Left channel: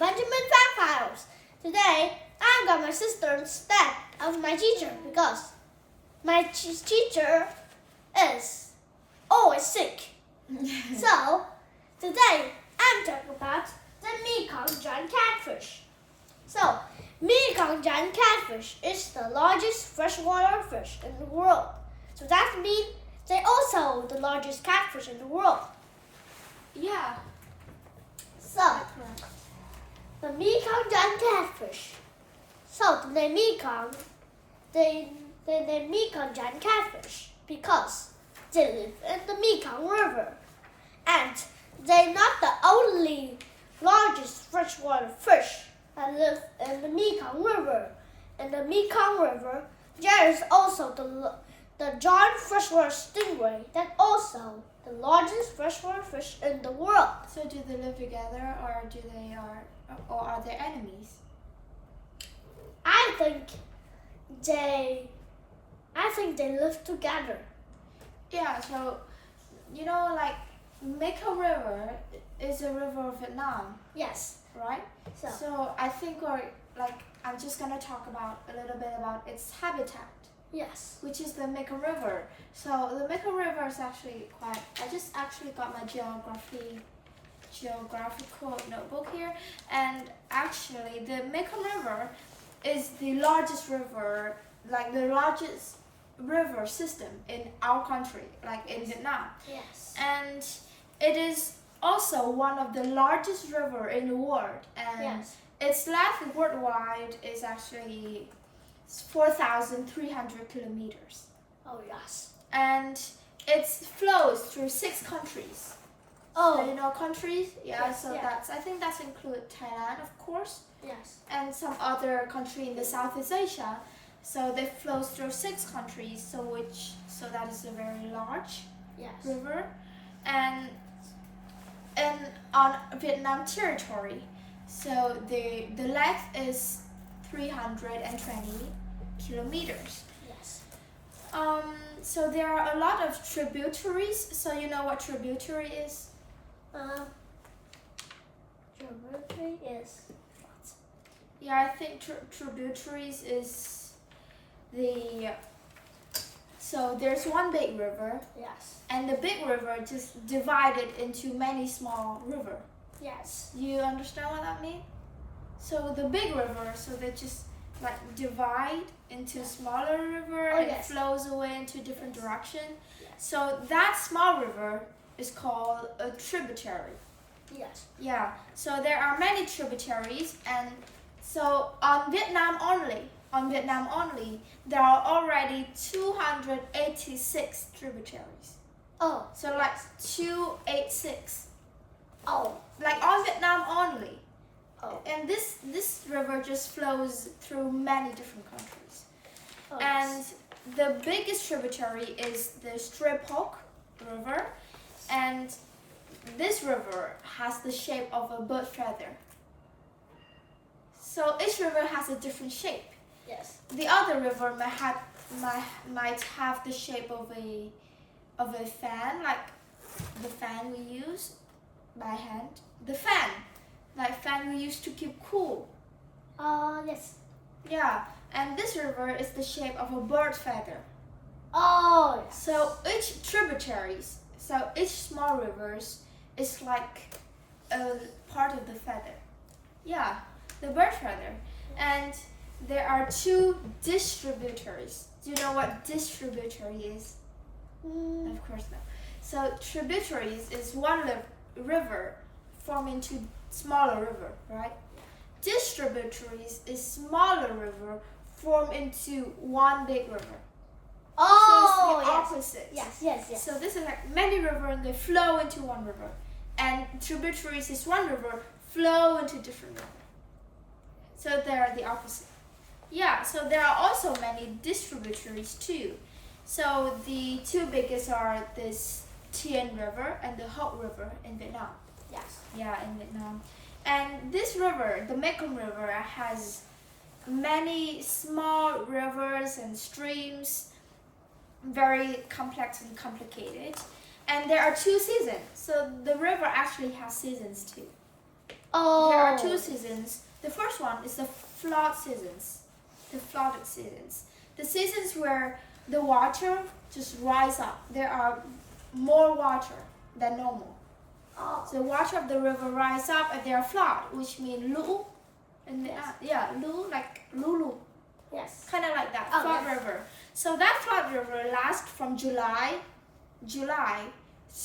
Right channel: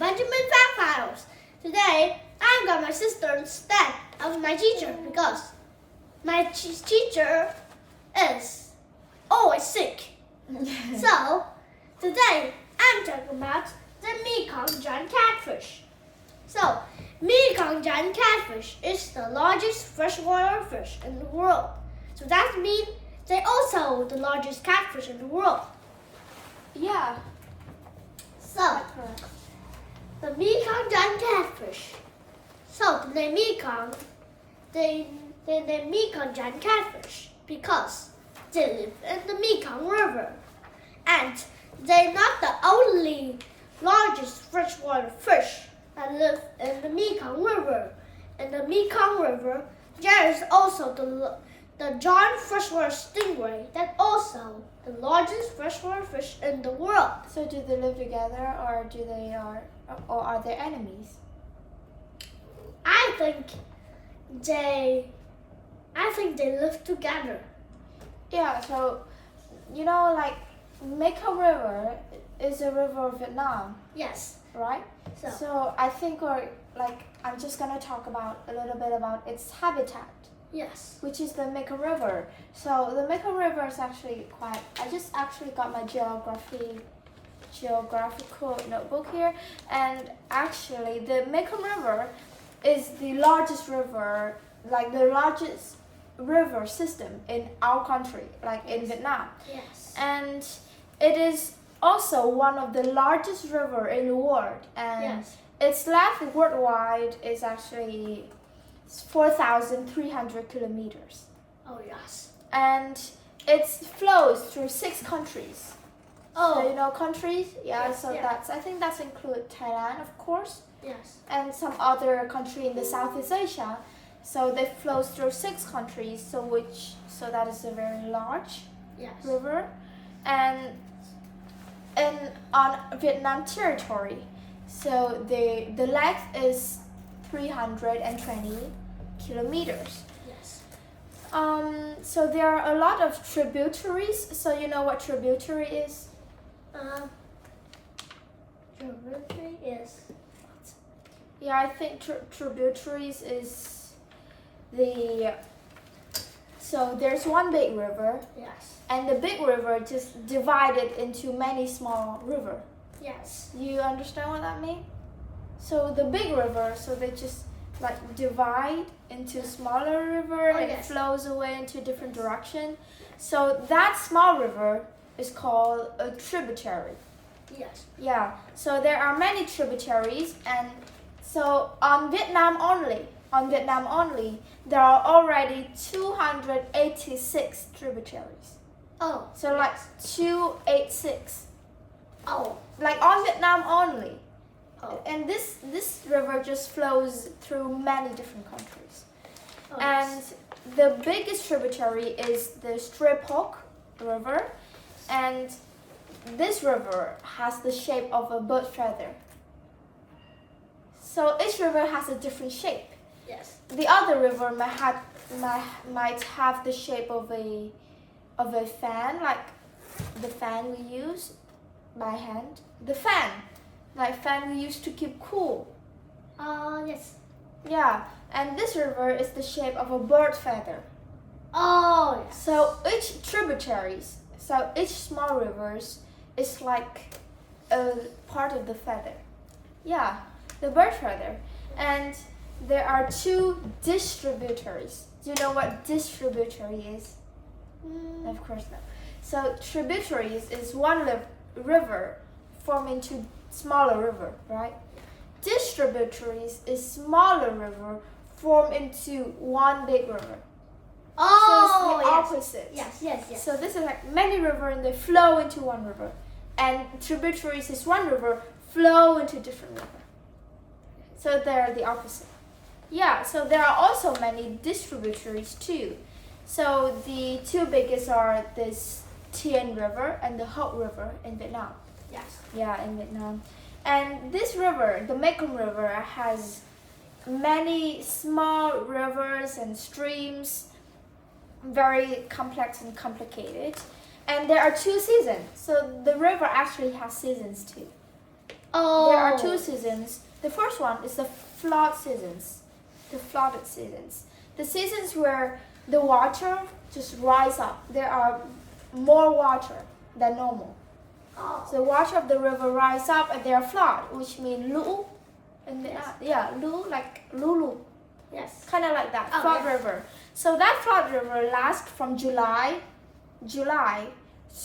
Benjamin Fact Files. Today, I got my sister instead of my teacher because my teacher is always sick. So, today I'm talking about the Mekong giant catfish. So, Mekong giant catfish is the largest freshwater fish in the world. So that means they're also the largest catfish in the world. Yeah. So, the Mekong giant catfish. So the name Mekong, they name Mekong giant catfish because they live in the Mekong River, and they're not the only largest freshwater fish that live in the Mekong River. In the Mekong River, there is also the giant freshwater stingray that's also the largest freshwater fish in the world. So do they live together, or are they enemies? I think they live together. Yeah. So, like Mekong River is a river of Vietnam, Yes. right? So I think I'm just gonna talk a little bit about its habitat, Yes. which is the Mekong River. So the Mekong River is actually I just actually got my geographical notebook here, and actually the Mekong River is the largest river, the largest river system in our country, in Vietnam. Yes. And it is also one of the largest river in the world, and Yes. its length worldwide is actually 4,300 kilometers. Oh yes. And it flows through 6 countries. Oh. So you know countries? Yeah, Yes, so yeah. I think that's include Thailand, of course, Yes. and some other country in the Southeast Asia. So they flows through 6 countries, so that is a very large Yes. river. And on Vietnam territory, so the length is 320 kilometers. Yes. So there are a lot of tributaries. So you know what tributary is? Tributary is what? Yeah, I think tributaries is so there's one big river, Yes. and the big river just divided into many small river. Yes. You understand what that means? So the big river, so they just divide into smaller river, and yes. it flows away into different direction. Yes. So that small river is called a tributary. Yes. Yeah. So there are many tributaries, and so on Vietnam only, there are already 286 tributaries. Oh. So 286. Oh. On Vietnam only. Oh. And this river just flows through many different countries. Oh, And yes. the biggest tributary is the Stripok River, and this river has the shape of a bird feather. So each river has a different shape. Yes. The other river might have the shape of a fan, like the fan we use by hand. The fan we use to keep cool. Yes. Yeah, and this river is the shape of a bird feather. Oh. Yes. So each small rivers is like a part of the feather. Yeah, the bird feather. And there are 2 distributaries. Do you know what distributary is? Of course not. So tributaries is one river forming into smaller river, right? Distributaries is smaller river formed into one big river. Oh. So it's the Yes. opposite. Yes. So this is many river, and they flow into one river. And tributaries is one river flow into different river. So they are the opposite. Yeah, so there are also many distributaries too. So the 2 biggest are this Tien River and the Hậu River in Vietnam. Yes. Yeah, in Vietnam. And this river, the Mekong River, has many small rivers and streams, very complex and complicated. And there are 2 seasons. So the river actually has seasons too. Oh. There are two seasons. The first one is the flood seasons. The flooded seasons. The seasons where the water just rise up. There are more water than normal. Oh. So the water of the river rise up and there are flood, which means lũ. And Yes. lũ like lulu. Yes. Kind of like that. Oh, Flood yes. river. So that flood river lasts from July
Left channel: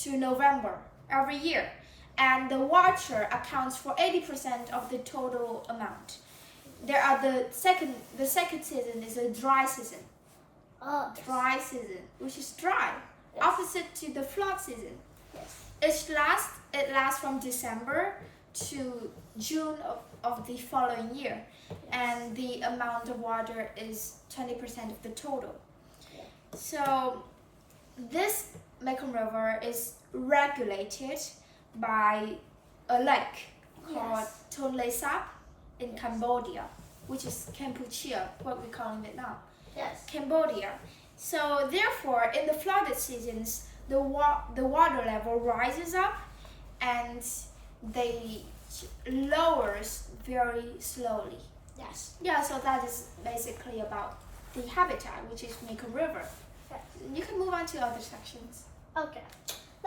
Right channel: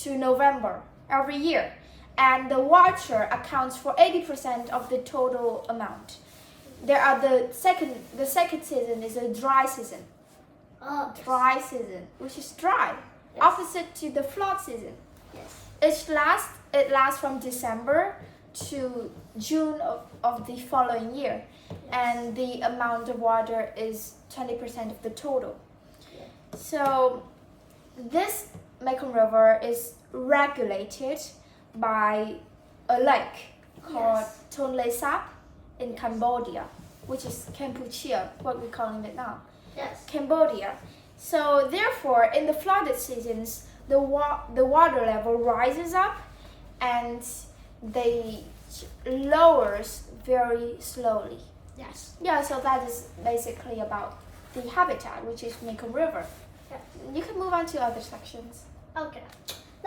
to November every year. And the water accounts for 80% of the total amount. There are the second season is a dry season. Oh. Dry season, which is dry, Yes. opposite to the flood season. Yes. It lasts from December to June of the following year, and the amount of water is 20% of the total. Yeah. So this Mekong River is regulated by a lake called Tonle Sap in Cambodia, which is Cambodia, what we call it now. Yes. Cambodia. So therefore, in the flooded seasons, the water level rises up and they lowers very slowly. Yes. Yeah, so that is basically about the habitat, which is Mekong River. Yeah. You can move on to other sections. Okay.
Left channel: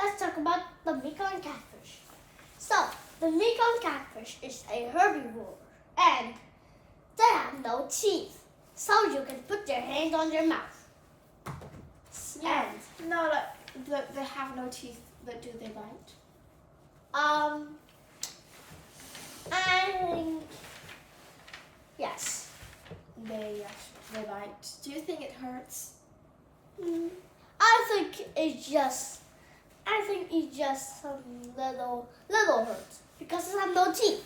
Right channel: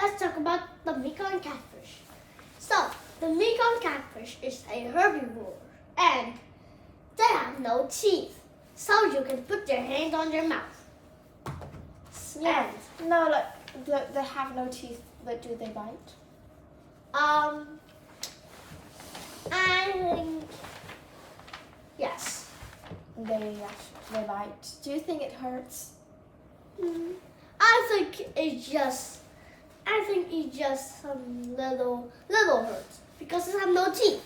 Let's talk about the Mekong catfish. So, the Mekong catfish is a herbivore and they have no teeth. So you can put your hand on your mouth. Yeah. No, like they have no teeth, but do they bite? I think yes. They bite. Do you think it hurts? I think it's just some little hurts because it has no teeth.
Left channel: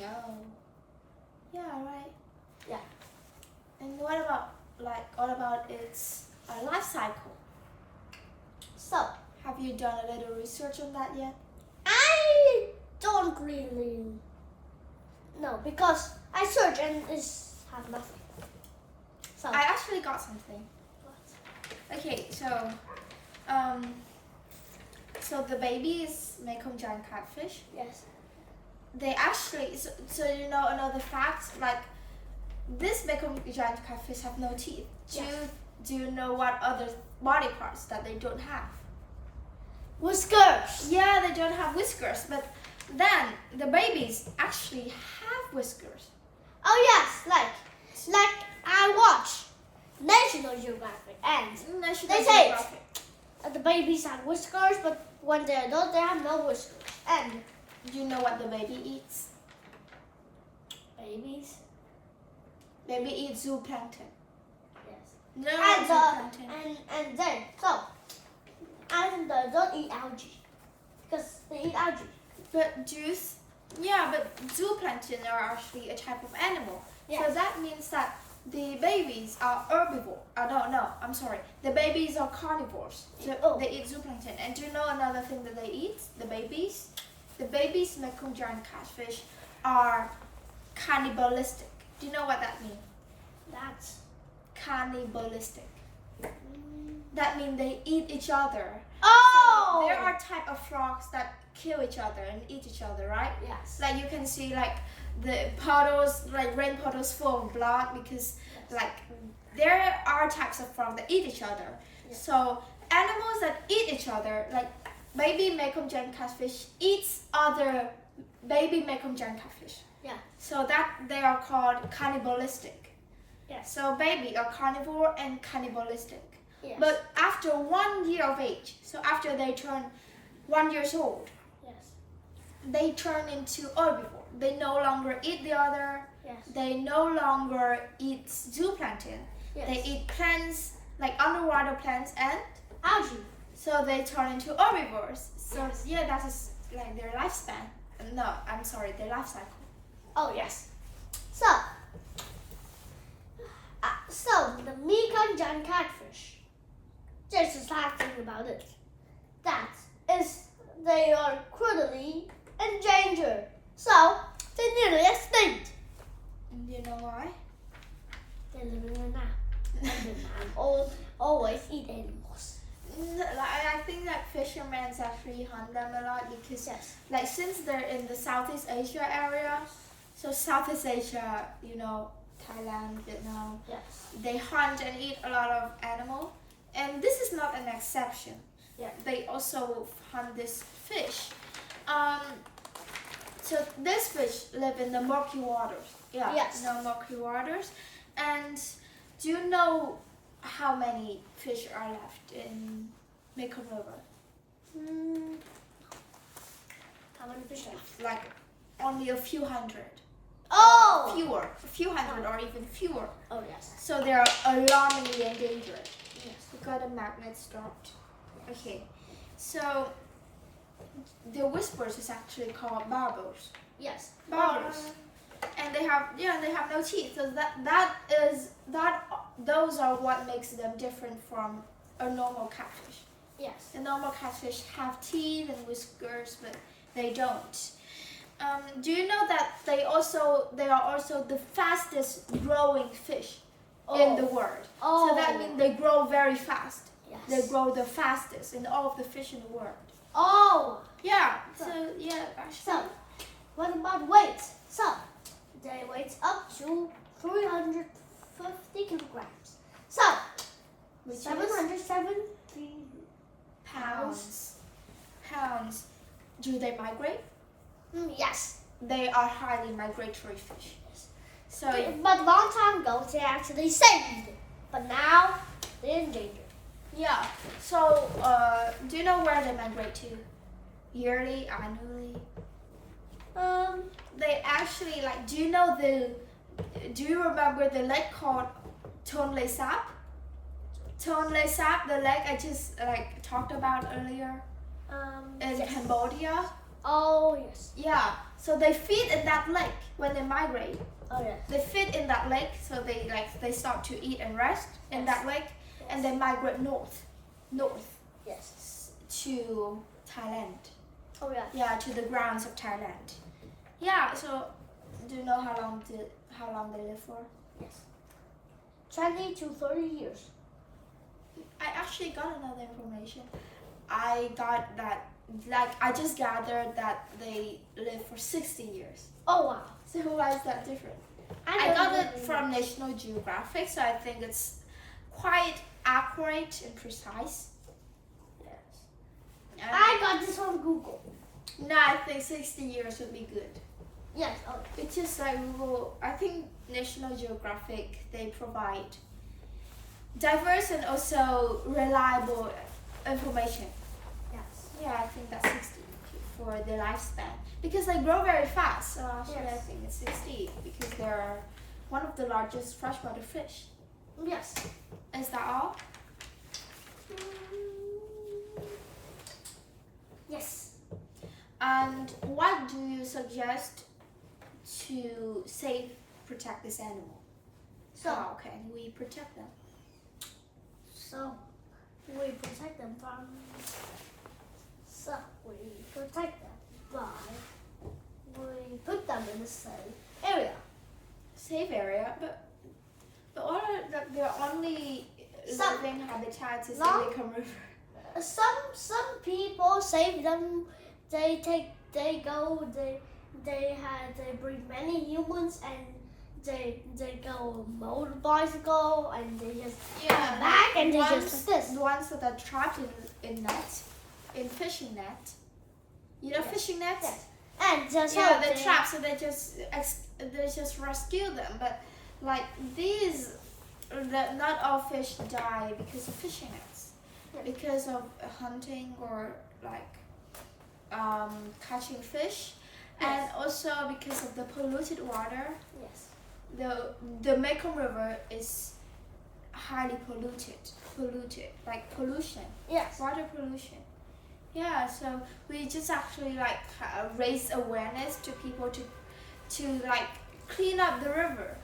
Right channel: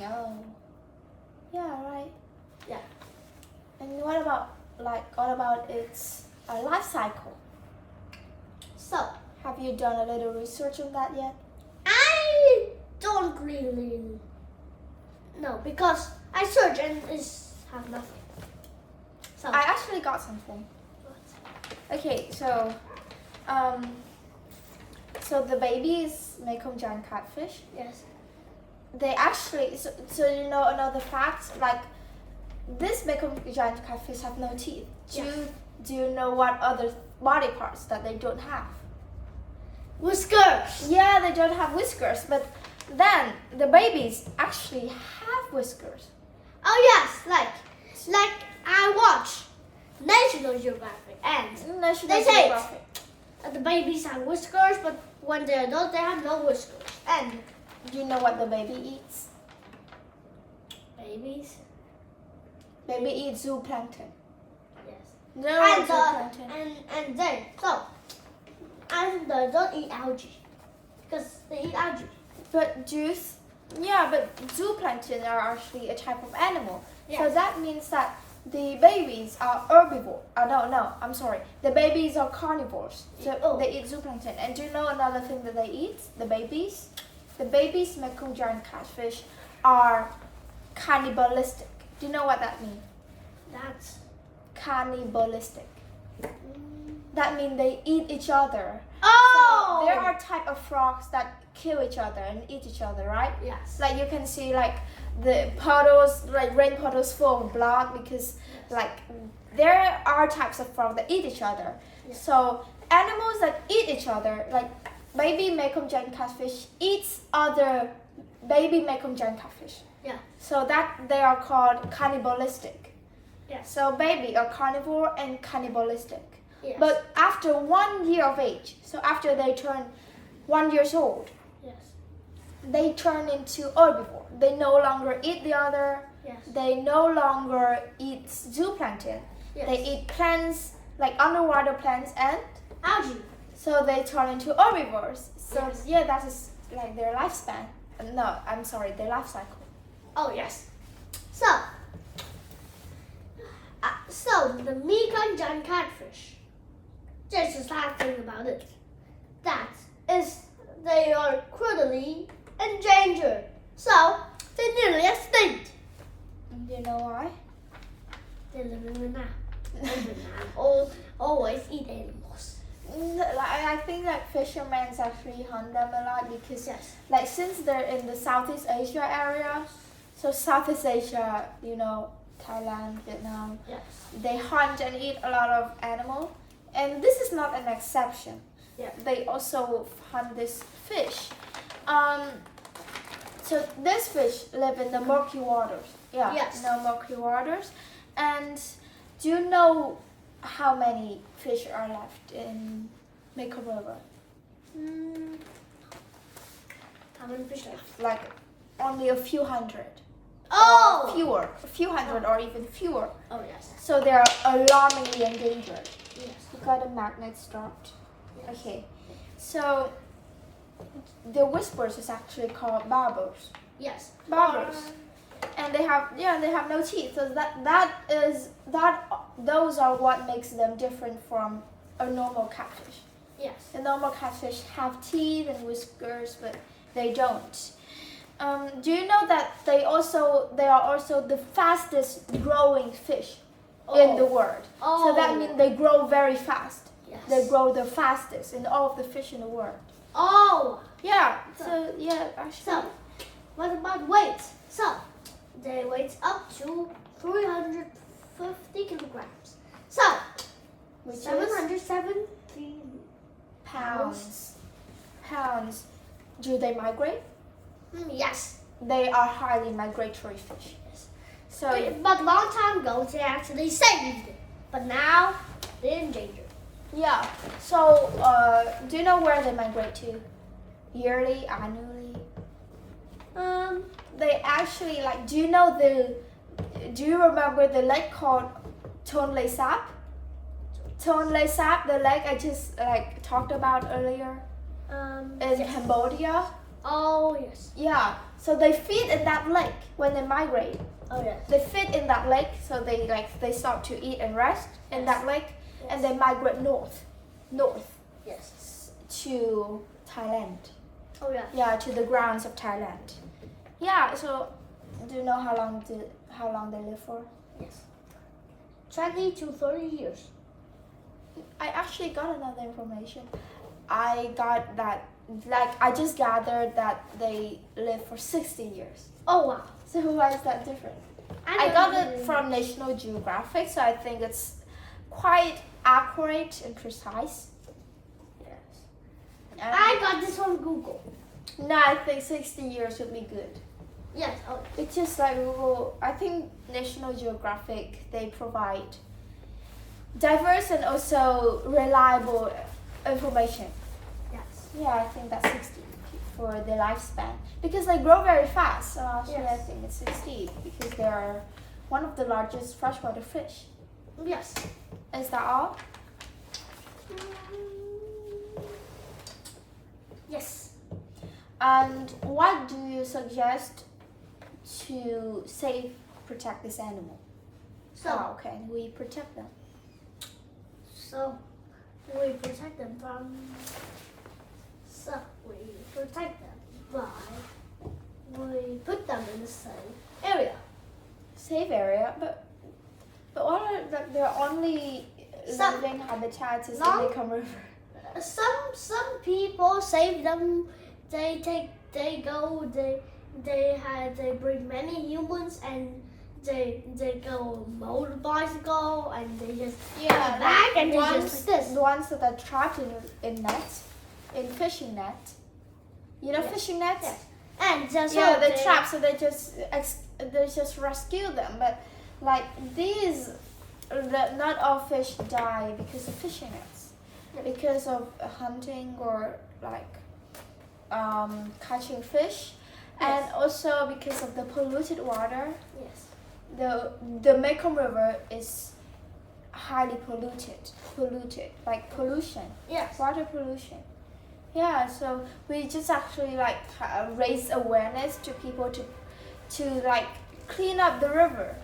Oh. Yeah, right. Yeah. And what about its life cycle? So Have you done a little research on that yet? I don't really know because I search and it's have nothing. So I actually got something. Okay, so the babies Mekong giant catfish, yes. they actually so you know another fact, like this Mekong giant catfish have no teeth. Do you know what other body parts that they don't have? Whiskers. Yeah, they don't have whiskers, but then the babies actually have whiskers. Oh yes, like I watch National Geographic and National They say it. Geographic. the babies have whiskers, but when they're adult, they have no whiskers. And Do you know what the baby eats? babies, Baby eats zooplankton. yes. No, And zooplankton. and then and the adult eat algae because they eat algae. But zooplankton are actually a type of animal. Yes. So that means that the babies are herbivore. No, I'm sorry. The babies are carnivores. So they eat zooplankton. And do you know another thing that they eat? The babies? The babies Mekong giant catfish are cannibalistic. Do you know what that means? That's Cannibalistic. That means they eat each other. oh. So there are type of frogs that kill each other and eat each other, right? yes. Like you can see like the puddles, like rain puddles full of blood because like there are types of frogs that eat each other. Yes. So animals that eat each other, like baby Mekong giant catfish eats other baby Mekong giant catfish. Yeah. So that they are called cannibalistic. Yes. So baby are carnivore and cannibalistic. Yes. But after 1 year of age, so after they turn 1 year old, yes. they turn into herbivore. They no longer eat the other. Yes. They no longer eat zooplankton. Yes. They eat plants, like underwater plants, and algae. so they turn into herbivores. So Yes. yeah, that is like their lifespan. No, I'm sorry, their life cycle. Oh yes. So the Mekong giant catfish. There's a sad thing about it. That is, they are critically endangered. So they're nearly extinct. Do you know why? They live in Vietnam. And Vietnam always eat animals. I think that fishermen actually hunt them a lot because, Yes. like, since they're in the Southeast Asia area, so Southeast Asia, you know, Thailand, Vietnam, Yes. they hunt and eat a lot of animal, and this is not an exception. Yeah. They also hunt this fish. So this fish live in the murky waters. Yeah. Yes. No murky waters. And do you know how many fish are left in Mekong River? How many fish left? Like only a few hundred. Oh! Fewer. A few hundred or even fewer. Oh, yes. So they are alarmingly endangered. Yes. You got the magnets dropped. Yes. Okay. So the whispers is actually called barbels. Yes. Barbels. And they have no teeth. So those are what makes them different from a normal catfish. Yes. The normal catfish have teeth and whiskers, but they don't. Do you know that they are also the fastest growing fish in the world? Oh. So that means they grow very fast. Yes. They grow the fastest in all of the fish in the world. Oh. Yeah. So yeah, actually. So, what about weight? So, they weigh up to 350 kilograms. So, Which is 770 pounds. Do they migrate? Yes. They are highly migratory fish. Yes. So But long time ago, they actually saved it. But now, they're endangered. yeah. So do you know where they migrate to? Yearly, annually? They actually do you remember the lake called Tonle Sap? Tonle Sap, the lake I just talked about earlier in Yes. Cambodia. Oh, yes. Yeah. So they feed in that lake when they migrate. Oh, yes. They feed in that lake, so they start to eat and rest in Yes. that lake, and they migrate north Yes. to Thailand. Oh, yeah. Yeah, to the grounds of Thailand. Yeah. So do you know how long they live for? Yes. 20 to 30 years. I actually got another information. I got that, I just gathered that they live for 60 years. Oh, wow. So why is that different? I got it from National Geographic, so I think it's quite accurate and precise. Yes. And I got this from Google. no, I think 60 years would be good. Yes. Oh, It's just like Google, I think National Geographic, they provide diverse and also reliable information. yes. Yeah, I think that's 60 for the lifespan. Because they grow very fast, so actually I Yes. think it's 60 because they're one of the largest freshwater fish. Yes. Is that all? Yes. And what do you suggest to protect this animal? So, How can we protect them? so we protect them from. So we protect them by we put them in the same area. Safe area, but what are their only Some- living habitats is in Long- the Mekong River? Some people save them. They bring many humans and they go motorbicycle and they just come back and they just like this. The ones that are trapped in nets, in fishing net. You know Yes. fishing nets? Yes. And just Yeah, they're trapped, so they just rescue them. But not all fish die because of fishing nets, because of hunting or catching fish, and also because of the polluted water. Yes. The Mekong River is highly polluted, like pollution. Yes. Water pollution. Yeah, so we just actually raise awareness to people to clean up the river,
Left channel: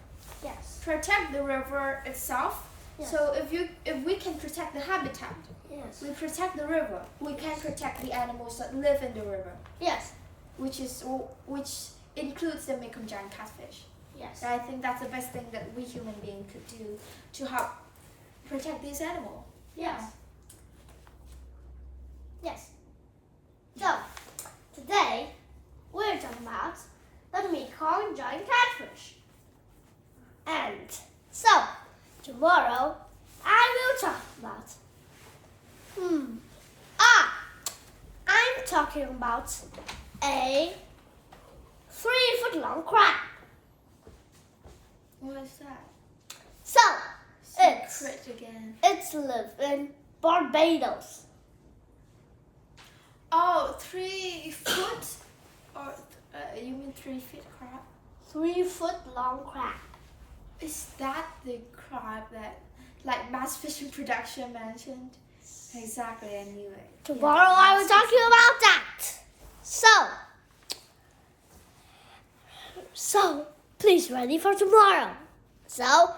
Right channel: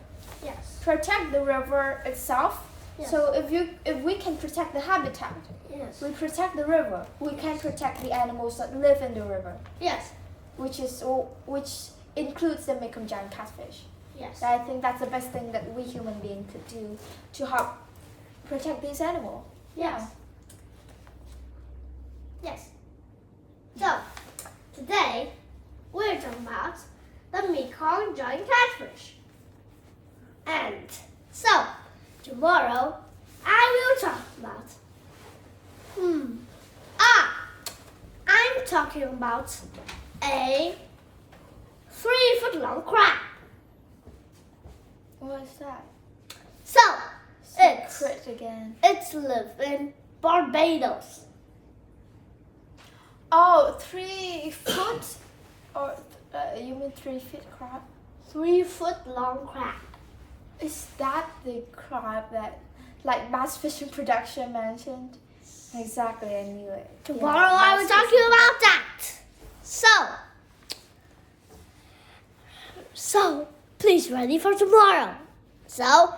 Yes. protect the river itself. Yes. So if we can protect the habitat, Yes. we protect the river. We can protect the animals that live in the river, Yes. which includes the Mekong giant catfish. Yes. So I think that's the best thing that we human beings could do to help protect these animals. Yes. Yes. So, today we're talking about the Mekong giant catfish. And so, tomorrow I will talk about I'm talking about a 3-foot long crab. What is that? So, Secret again. it's live in Barbados. Oh, 3 foot? Or you mean 3 feet crab? 3-foot long crab. Is that the crab that, like, Mass Fishing Production mentioned? Exactly, I knew it. Tomorrow I will talk to you about that. So please ready for tomorrow. So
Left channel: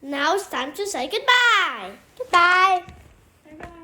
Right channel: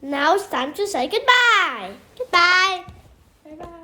now it's time to say goodbye. Goodbye. Bye-bye.